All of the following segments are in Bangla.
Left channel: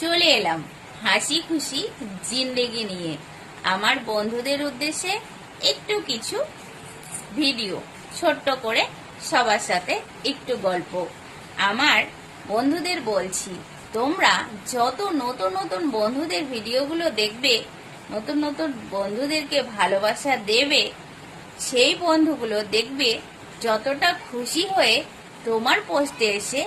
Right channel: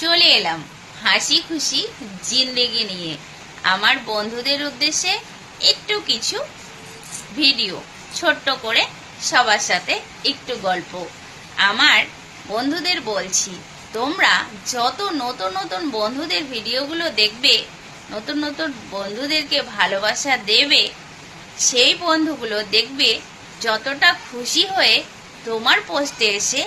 চলে এলাম। হাসি খুশি, জিন্দেগি নিয়ে। আমার বন্ধুদের উদ্দেশ্যে একটু কিছু ভিডিও, ছোট্ট করে সবার সাথে একটু গল্প। আমার বন্ধুদের বলছি, তোমরা যত নতুন নতুন বন্ধুদের ভিডিওগুলো দেখবে, নতুন নতুন বন্ধুদেরকে ভালোবাসা দেবে, সেই বন্ধুগুলো দেখবে যতটা খুশি হয়ে তোমার পোস্টে এসে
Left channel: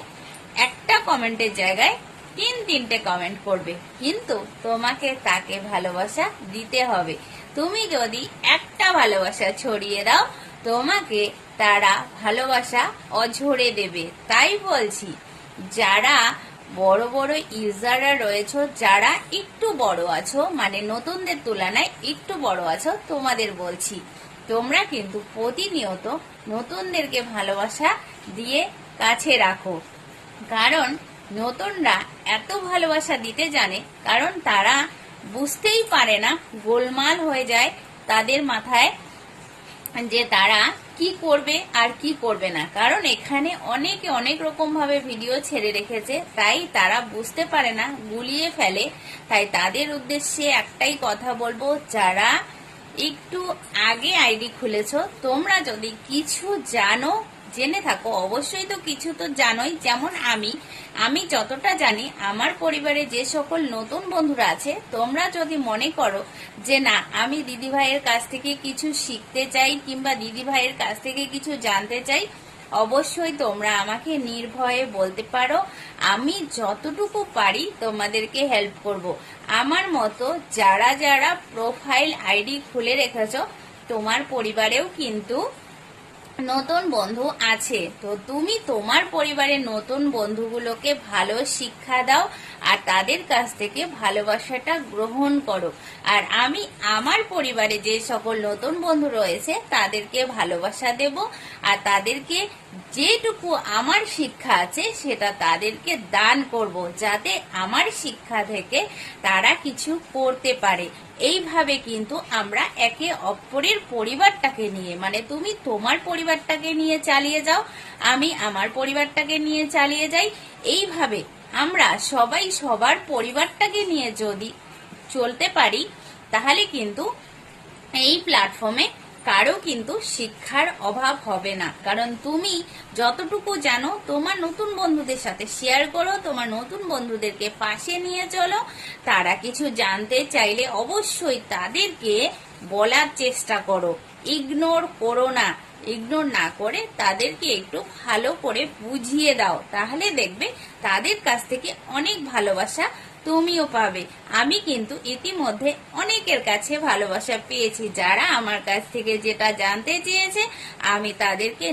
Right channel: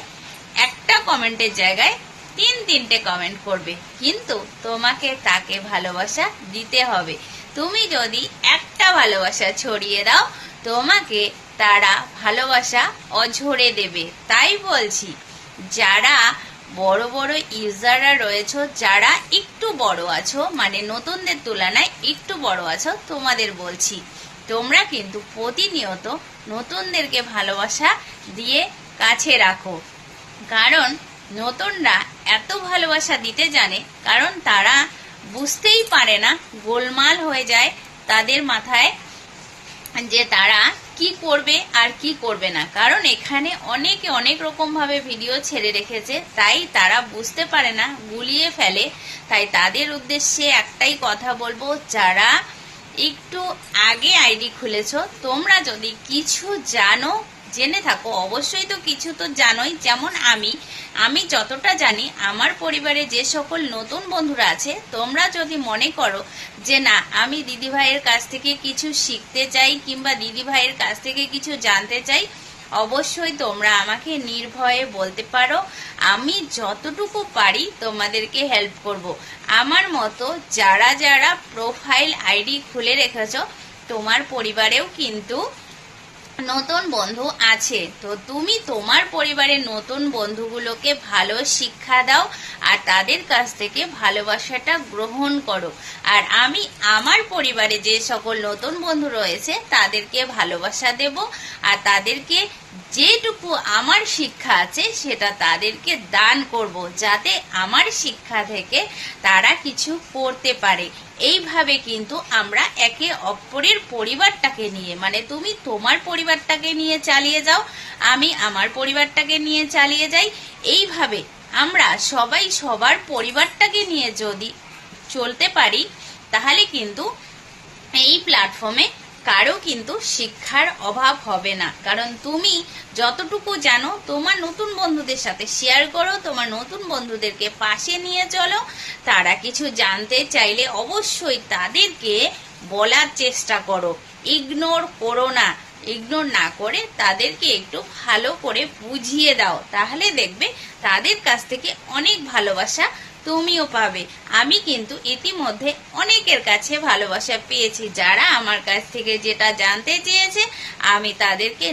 একটা কমেন্টের জায়গায় তিন তিনটে কমেন্ট করবে। কিন্তু তোমাকে তাকে ভালোবাসা দিতে হবে। তুমি যদি একটা ভালোবাসা ছড়িয়ে দাও, তোমাকে তারা ভালোবাসা অঝরে দেবে। তাই বলছি, যারা বড় বড় ইউজাররা রয়েছে, যারা একটু বড় আছো মানে নতুনদের তুলনায় একটু বড় আছো, তোমাদের বলছি, তোমরা কিন্তু প্রতিনিয়ত নতুনদেরকে ভালোবাসা দিয়ে কাছে রাখো। কারণ নতুনরা এত ভালোবাসা দিতে জানে, কারণ তারা বুঝতেই পারে না গোলমাল হয়ে যায় তাদের মাথায় যে তারা কি করবে আর কি করবে না। কারণ এখানে অনেকে, অনেক রকম ভাবে ভিডিও ছেড়ে রেখেছে, তাই তারা বুঝতে পারে না, গুলিয়ে ফেলে। তাই তাদের উদ্দেশ্যে একটাই কথা বলব, যারা একটু আগে আইডি খুলেছ, তোমরা যদি কিছু জানো জেনে থাকো, অবশ্যই তো কিছু তো জানোই। যেমন আমি আমি যতটা জানি, আমার পরিবারে যে সকল নতুন বন্ধুরা আছে, তোমরা যদি মনে করো যে না, আমি দিদি ভাইয়ের কাছ থেকে কিছু শিখতে চাই কিংবা দিদি ভাইয়ের কাছ থেকে কিছু জানতে চাই, অবশ্যই তোমরা আমাকে নির্ভয়ে বলতে পারো। আমি যতটুকু পারি তোমাদেরকে হেল্প করব। আমার মতো যারা যারা প্রোফাইল আইডি খুলে রেখেছো, তোমার পরিবারেও কিন্তু নতুন বন্ধু আছে। তো তুমি তোমার পরিবারের নতুন বন্ধুগুলোকে ভালো শিক্ষা দাও আর তাদের কাছ থেকে ভালোবাসাটা গ্রহণ করো। আর আমি আমার পরিবারে যে সকল নতুন বন্ধু রয়েছে, তাদেরকে ভালোবাসা দেব আর তাদেরকে যেটুকু আমার শিক্ষা আছে, সেটা তাদেরকে দান করব যাতে আমার শিক্ষা থেকে তারা কিছু করতে পারে। এইভাবে কিন্তু আমরা একে অপরের পরিবারটাকে নিয়ে মানে তুমি তোমার পরিবারটাকে নিয়ে চালিয়ে যাও, আমি আমার পরিবারটাকে নিয়ে চালিয়ে যাই, এইভাবে আমরা সবাই সবার পরিবারটাকে নিয়ে যদি চলতে পারি, তাহলে কিন্তু এই প্ল্যাটফর্মে কারও কিন্তু শিক্ষার অভাব হবে না। কারণ তুমি যতটুকু জানো, তোমার নতুন বন্ধুদের সাথে শেয়ার করো, তোমার নতুন বন্ধুদেরকে পাশে নিয়ে চলো। তারা কিছু জানতে চাইলে অবশ্যই তাদেরকে বলার চেষ্টা করো। ইগনোর করো না। ইগনোর না করে তাদেরকে একটু ভালো করে বুঝিয়ে দাও। তাহলে দেখবে তাদের কাছ থেকে অনেক ভালোবাসা তুমিও পাবে। আমি কিন্তু ইতিমধ্যে অনেকের কাছে ভালোবাসা পেয়েছি। যারা আমার কাছ থেকে যেটা জানতে চেয়েছে, আমি তাদেরকে